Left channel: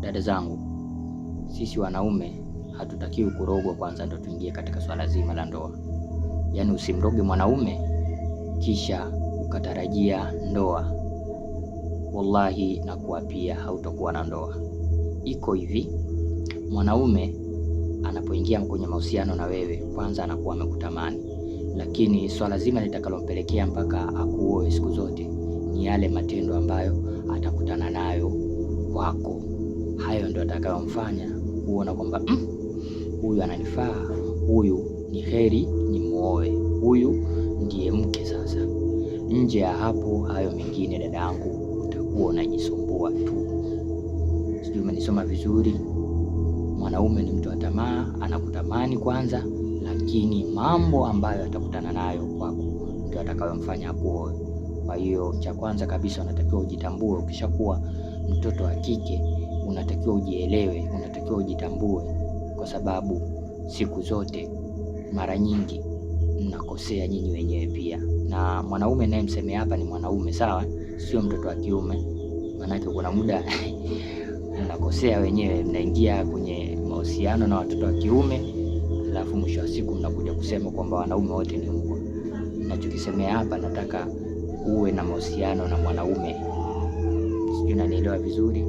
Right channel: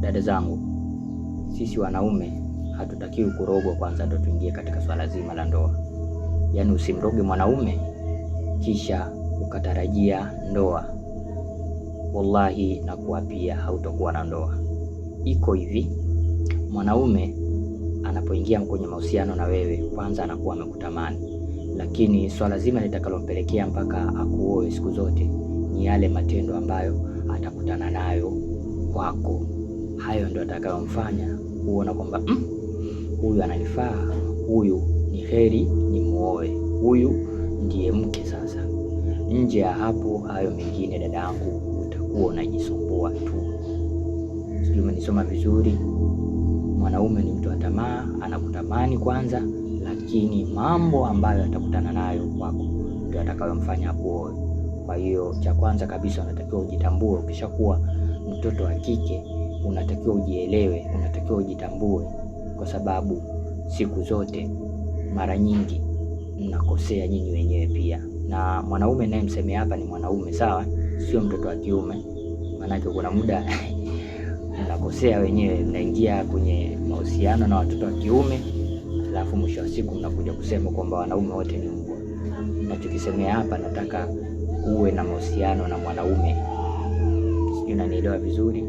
Dada zangu, sisi wanaume hatutakiwi kurogwa kwanza ndo tuingie katika swala zima la ndoa. Yaani usimroge mwanaume kisha ukatarajia ndoa. Wallahi na kuapia hautakuwa na ndoa. Iko hivi, mwanaume anapoingia kwenye mahusiano na wewe kwanza anakuwa amekutamani, lakini swala zima litakalompelekea mpaka akuoe siku zote ni yale matendo ambayo atakutana nayo kwako. Hayo ndio atakayomfanya uona kwamba huyu ananifaa, huyu ni heri ni muoe, huyu ndiye mke sasa. Nje ya hapo, hayo mengine dadangu, utakuwa unajisumbua tu. Sijui umenisoma vizuri. Mwanaume ni mtu wa tamaa, anakutamani kwanza, lakini mambo ambayo atakutana nayo kwako ndio atakayomfanya akuoe. Kwa hiyo cha kwanza kabisa unatakiwa ujitambue. Ukishakuwa mtoto wa kike unatakiwa ujielewe, unatakiwa ujitambue, kwa sababu siku zote mara nyingi mnakosea nyinyi wenyewe pia. Na mwanaume naye msemea hapa ni mwanaume, sawa? Sio mtoto wa kiume. Maanake kuna muda mnakosea wenyewe, mnaingia kwenye mahusiano na watoto wa kiume, alafu mwisho wa siku mnakuja kusema kwamba wanaume wote ni mbwa. Nachokisemea hapa, nataka uwe na mahusiano na mwanaume. Sijui unanielewa vizuri.